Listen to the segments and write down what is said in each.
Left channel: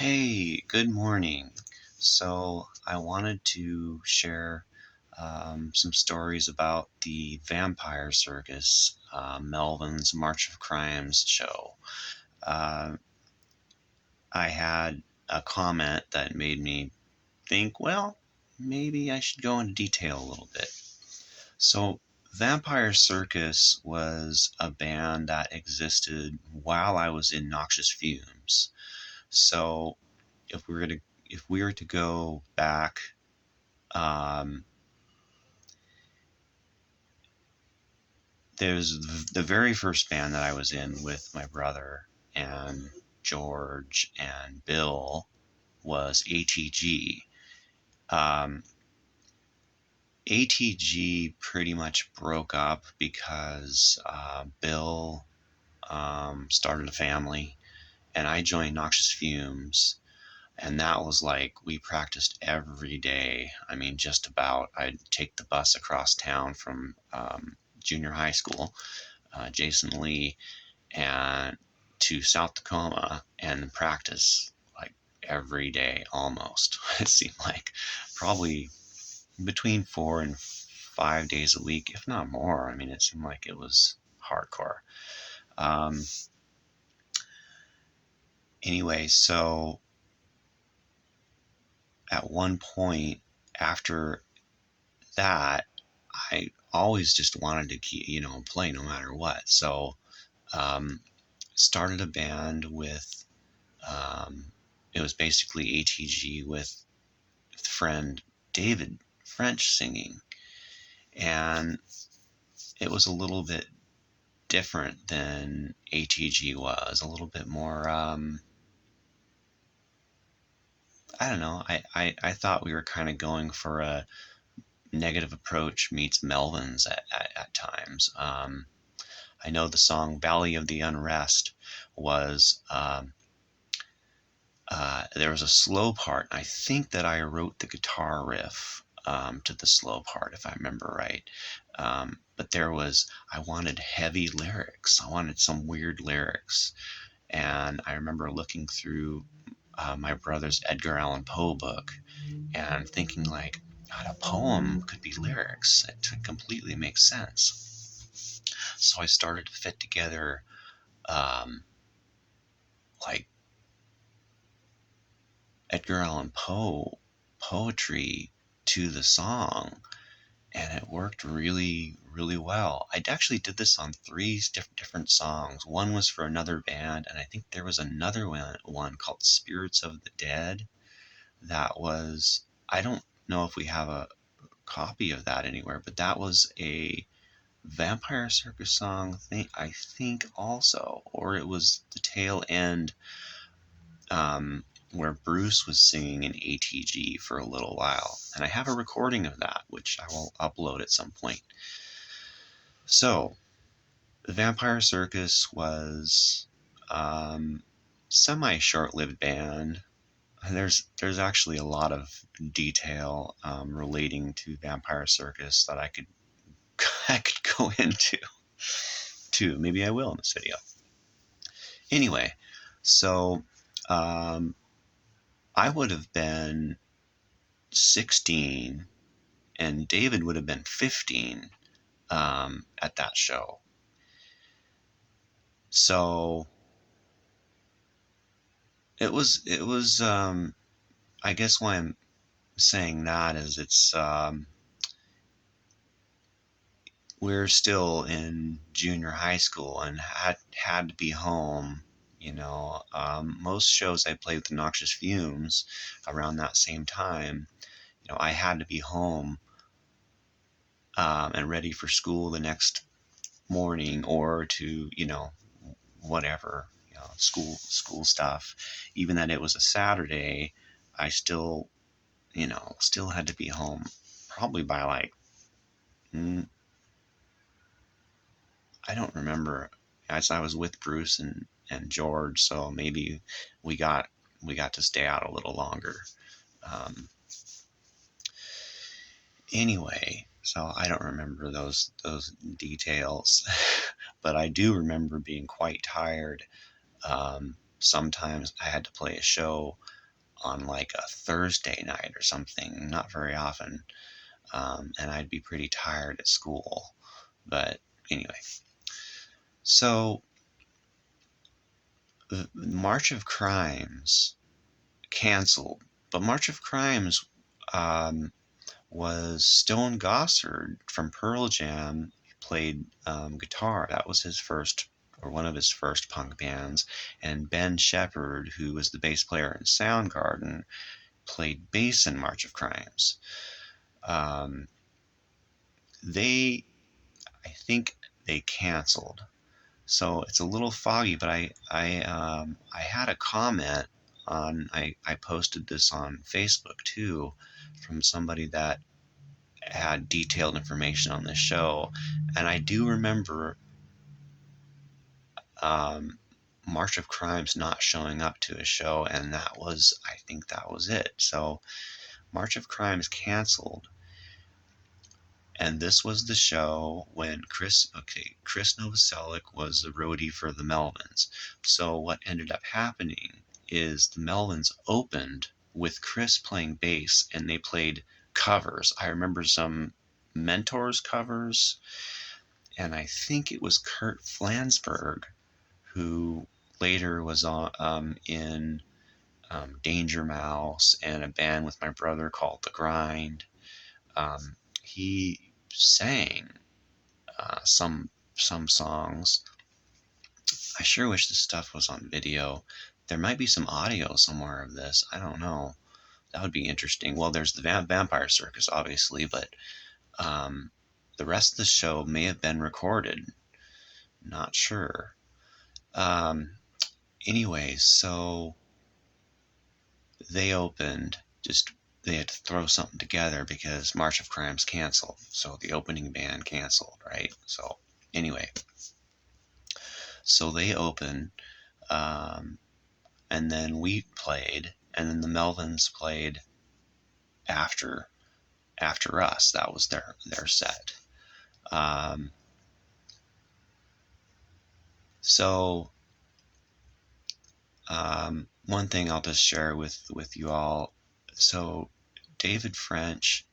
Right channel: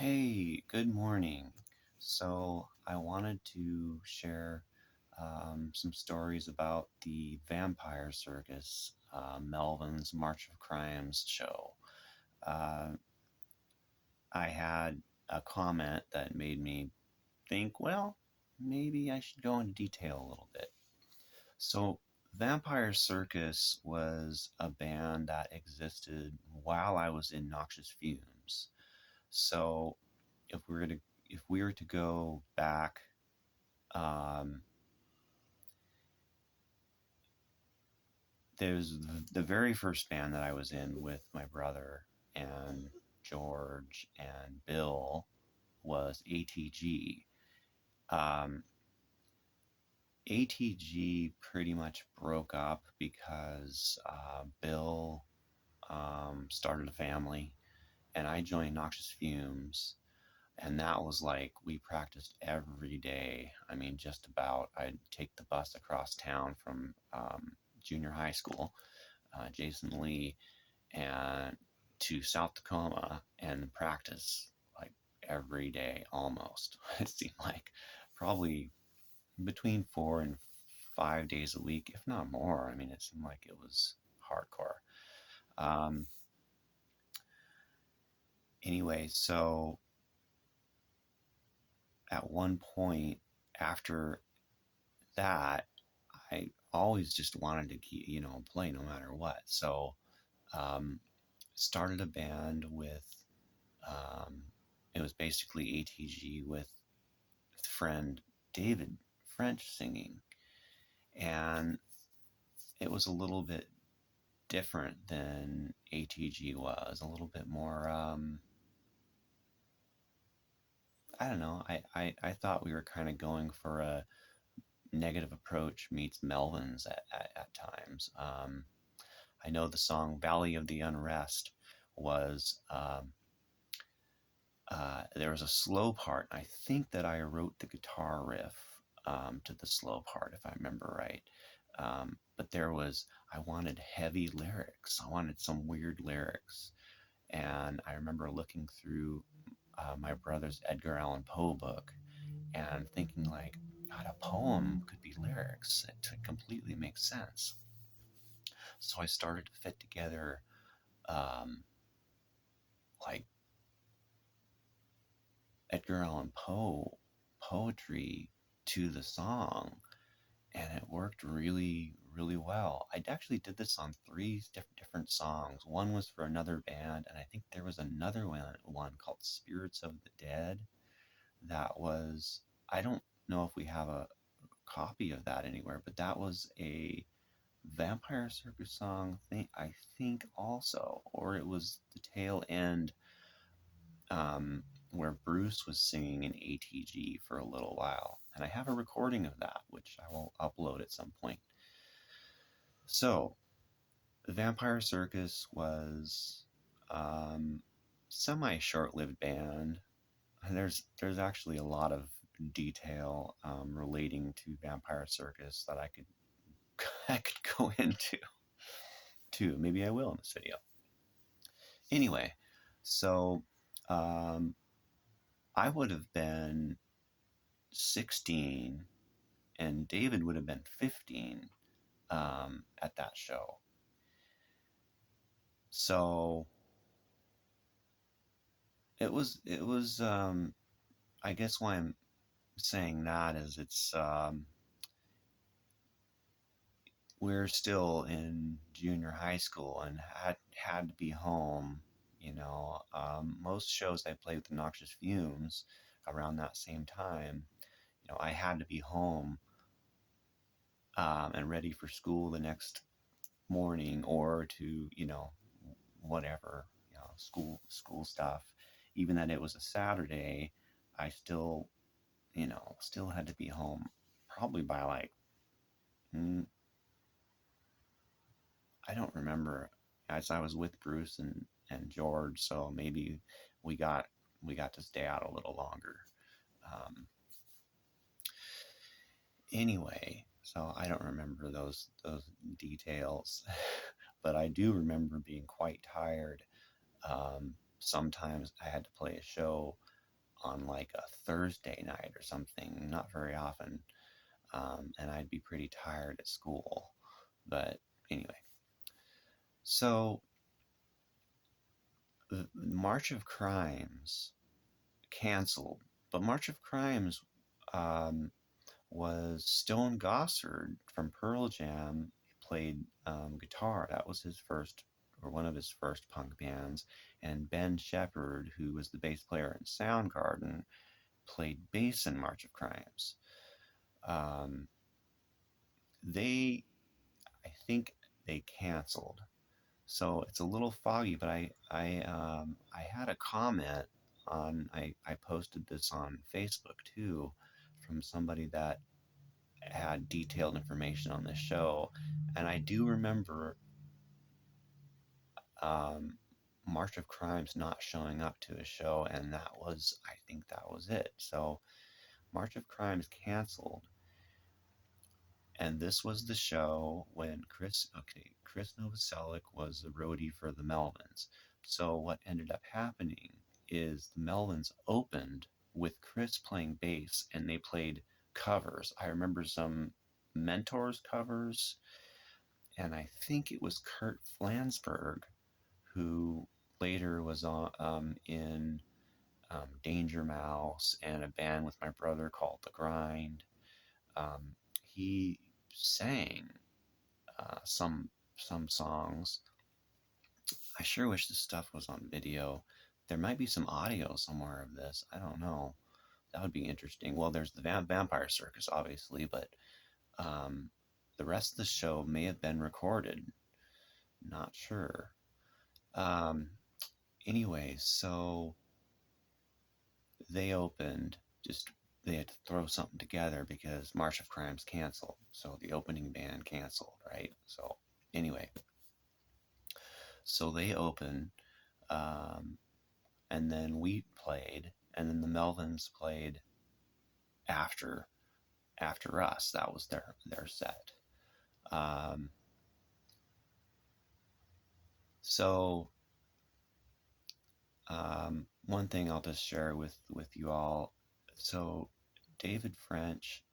Hey, good morning. So, I wanted to share some stories about the Vampire Circus, Melvin's March of Crimes show. Uh, I had a comment that made me think, well, maybe I should go into detail a little bit. So, Vampire Circus was a band that existed while I was in Noxious Fumes. So, if we were to if we were to go back, um, there's the very first band that I was in with my brother and George and Bill was ATG. Um, ATG pretty much broke up because Bill started a family and I joined Noxious Fumes. And that was like, we practiced every day. I mean, just about. I'd take the bus across town from junior high school, Jason Lee, and to South Tacoma and practice like every day almost. It seemed like probably between 4 and 5 days a week, if not more. I mean, it seemed like it was hardcore. Um, anyway, so at one point after that, I always just wanted to keep, play no matter what. So, um, started a band with, um, it was basically ATG with friend David French singing. And it was a little bit different than ATG was, a little bit more, I don't know. I thought we were kind of going for a negative approach meets Melvins at times. I know the song Valley of the Unrest was, there was a slow part. I think that I wrote the guitar riff to the slow part, if I remember right. But I wanted heavy lyrics. I wanted some weird lyrics. And I remember looking through my brother's Edgar Allan Poe book and thinking, like, God, a poem could be lyrics. It completely makes sense. So I started to fit together um, like Edgar Allan Poe poetry to the song, and it worked really, really well. I actually did this on three different songs. One was for another band, and I think there was another one called Spirits of the Dead that was, I don't know if we have a copy of that anywhere, but that was a Vampire Circus song thing, I think also, or it was the tail end where Bruce was singing in ATG for a little while. And I have a recording of that, which I will upload at some point. So, the Vampire Circus was semi short-lived band. And there's actually a lot of detail relating to Vampire Circus that I could I could go into too. Maybe I will in this video. Anyway, so um, I would have been 16 and David would have been 15 at that show. So it was I guess why I'm saying that is we're still in junior high school and had to be home. Most shows I played with the Noxious Fumes around that same time, I had to be home and ready for school the next morning or to, whatever, school stuff. Even that it was a Saturday, I still had to be home probably by like, mm, I don't remember, as I was with Bruce and George, so maybe we got we got to stay out a little longer. Um, anyway, so I don't remember those details, but I do remember being quite tired. Um, sometimes I had to play a show on like a Thursday night or something, not very often. And I'd be pretty tired at school. But anyway, so the March of Crimes canceled, but March of Crimes um, was Stone Gossard from Pearl Jam played guitar. That was his first, or one of his first punk bands. And Ben Shepherd, who was the bass player in Soundgarden, played bass in March of Crimes. Um, I think they canceled. So it's a little foggy, but I had a comment I posted this on Facebook too, from somebody that had detailed information on this show, and I do remember um, March of Crimes not showing up to a show, and I think that was it. So March of Crimes canceled, and this was the show when Krist Novoselic was the roadie for the Melvins. So what ended up happening is the Melvins opened with Chris playing bass, and they played covers. I remember some Mentors covers, and I think it was Kurt Flansburgh who later was in Danger Mouse and a band with my brother called The Grind. He sang some songs. I sure wish this stuff was on video. There might be some audio somewhere of this. I don't know. That would be interesting. Well, there's the Vampire Circus, obviously, but um, the rest of the show may have been recorded. Not sure. Um, Anyways, so they opened. Just they had to throw something together because March of Crimes canceled. So the opening band canceled, right? So anyway, so they opened, um, and then we played, and then the Melvins played after us. That was their set. Um, so one thing I'll just share with you all. So David French,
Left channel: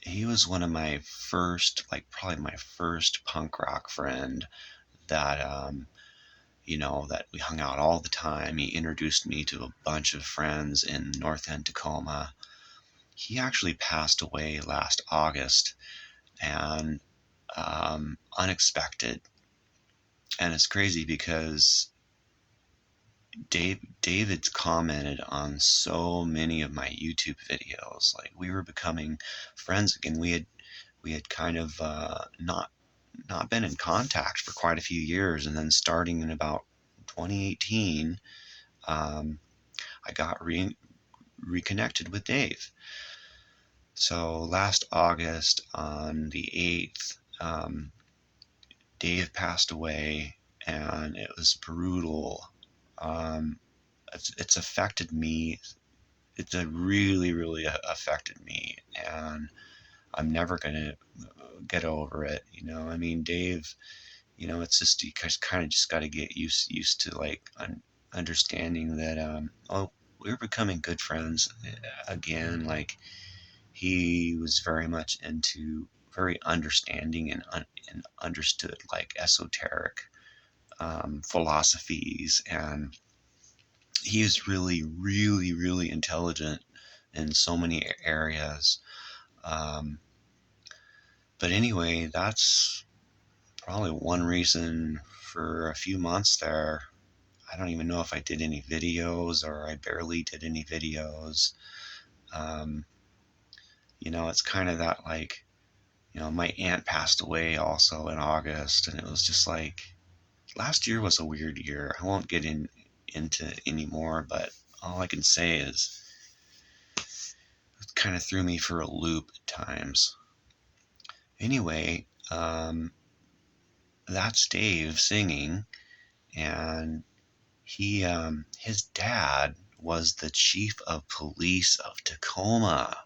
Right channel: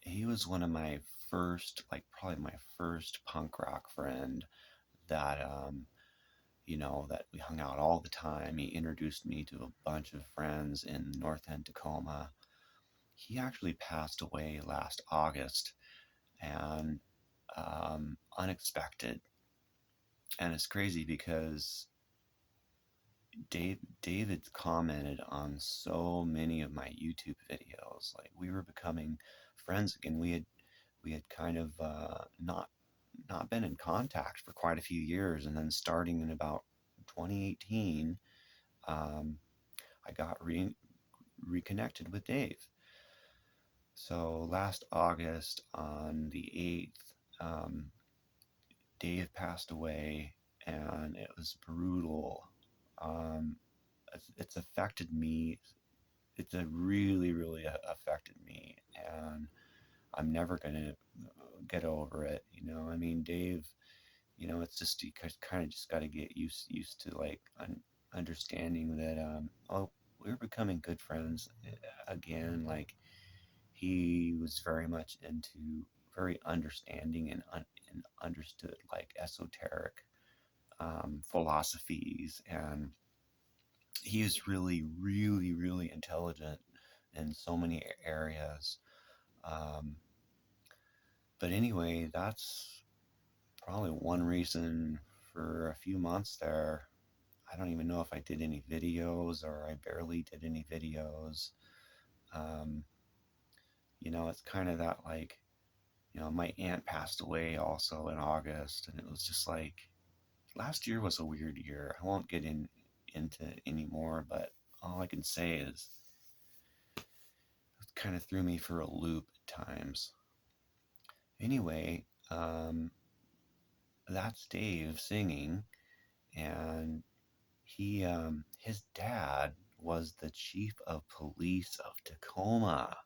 he was one of my first, like probably my first punk rock friend that that we hung out all the time. He introduced me to a bunch of friends in North End, Tacoma. He actually passed away last August, and unexpected. And it's crazy because David's commented on so many of my YouTube videos. Like we were becoming friends again. We had kind of not been in contact for quite a few years, and then starting in about 2018, I got reconnected with Dave. So last August on the 8th, Dave passed away, and it was brutal. Um, it's affected me. It's really, really affected me, and I'm never gonna get over it. I mean, Dave. It's just you guys kind of just got to get used to like understanding that we're becoming good friends again. Like he was very much into very understanding and understood like esoteric philosophies, and he is really, really, really intelligent in so many areas. Um, but anyway, that's probably one reason for a few months there. I don't even know if I did any videos or I barely did any videos. Um, it's kind of that like, my aunt passed away also in August, and it was just like last year was a weird year. I won't get into any more, but all I can say is it kind of threw me for a loop at times. Anyway, that's Dave singing, and his dad was the chief of police of Tacoma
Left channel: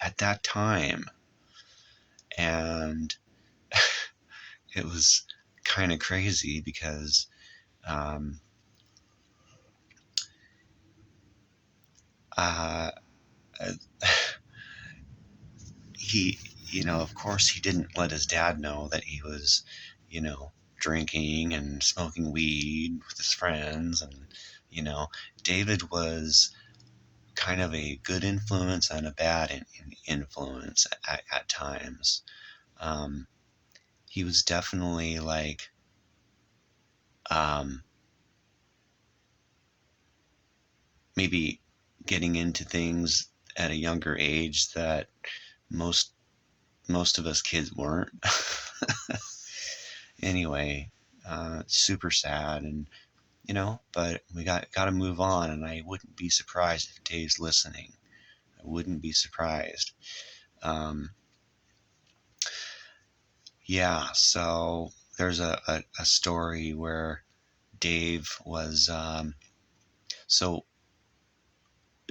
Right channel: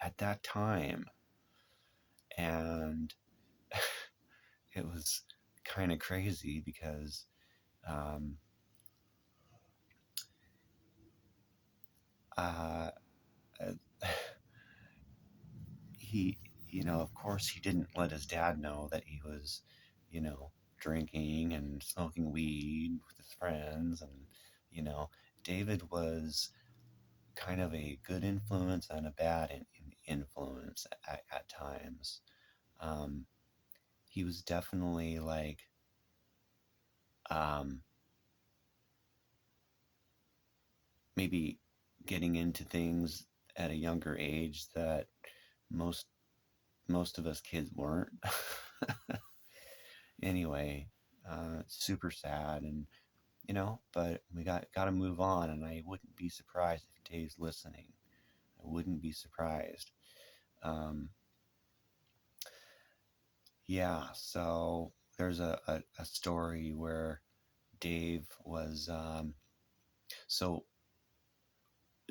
at that time, and it was kind of crazy because um, Uh, he, of course, he didn't let his dad know that he was, you know, drinking and smoking weed with his friends. And, you know, David was kind of a good influence and a bad influence at times. Um, he was definitely like, um, maybe getting into things at a younger age that most most of us kids weren't. Anyway, super sad, and but we got to move on, and I wouldn't be surprised if Dave's listening. I wouldn't be surprised. Um, yeah, so there's a story where Dave was so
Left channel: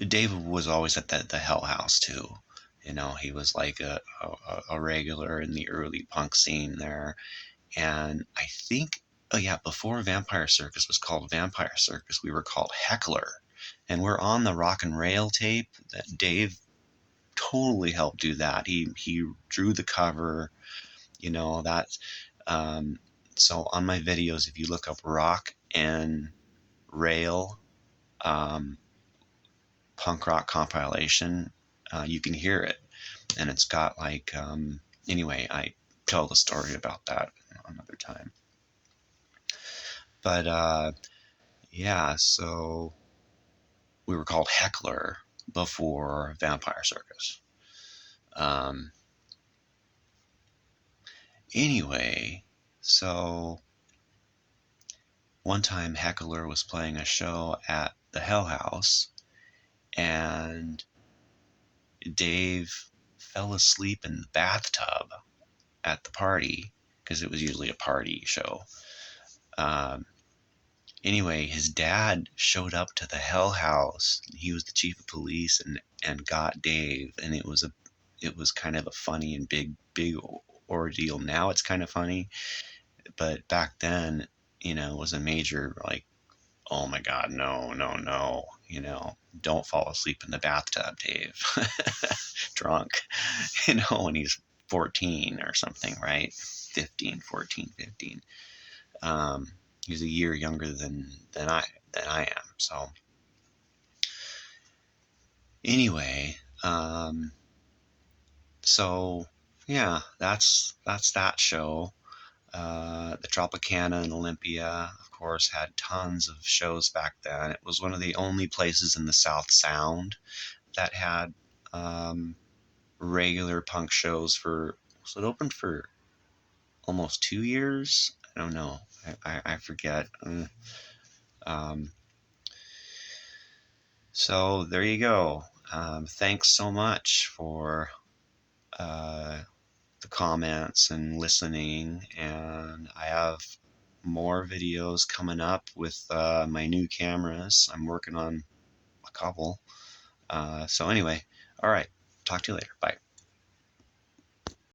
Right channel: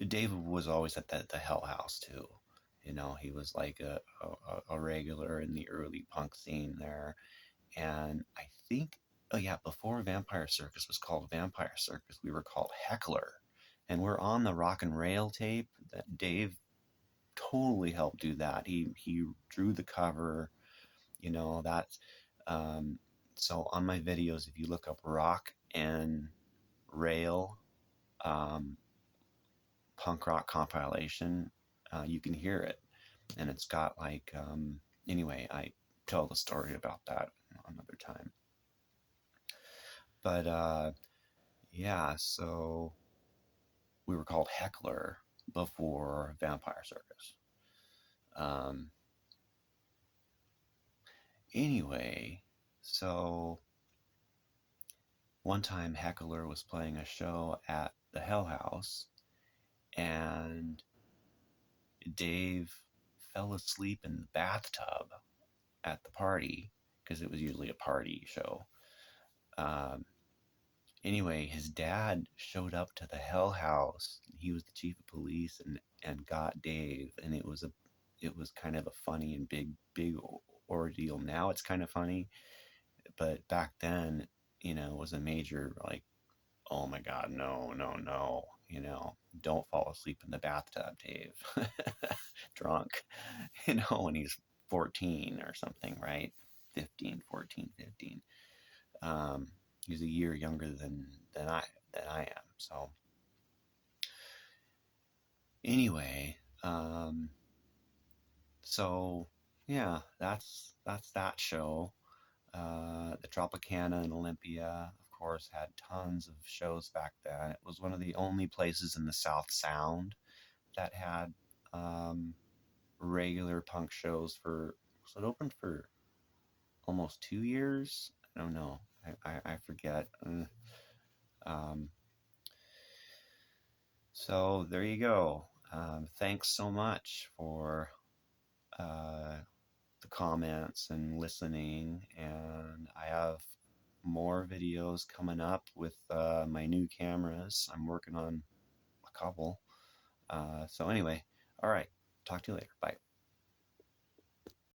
Dave was always at the Hell House too. He was like a regular in the early punk scene there. And I think, oh yeah, before Vampire Circus was called Vampire Circus, we were called Heckler. And we're on the Rock and Rail tape that Dave totally helped do that. He drew the cover, that. Um, so on my videos, if you look up Rock and Rail, um, punk rock compilation, you can hear it. And it's got like, anyway, I tell the story about that another time. But yeah, so we were called Heckler before Vampire Circus. Um, anyway, so one time Heckler was playing a show at the Hell House, and Dave fell asleep in the bathtub at the party because it was usually a party show. Um, anyway, his dad showed up to the Hell House. He was the chief of police, and got Dave, and it was kind of a funny and big ordeal. Now it's kind of funny, but back then, it was a major, like, oh my God, no, no, no, don't fall asleep in the bathtub, Dave. Drunk, when he's 14 or something, right? 15, 14, 15. Um, he's a year younger than I am. So anyway, so yeah, that's that show. The Tropicana in Olympia, of course, had tons of shows back then. It was one of the only places in the South Sound that had regular punk shows for. Was it open for almost 2 years? I don't know. I forget. Um, so there you go. Thanks so much for uh, the comments and listening. And I have more videos coming up with my new cameras. I'm working on a couple. So anyway, all right. Talk to you later. Bye.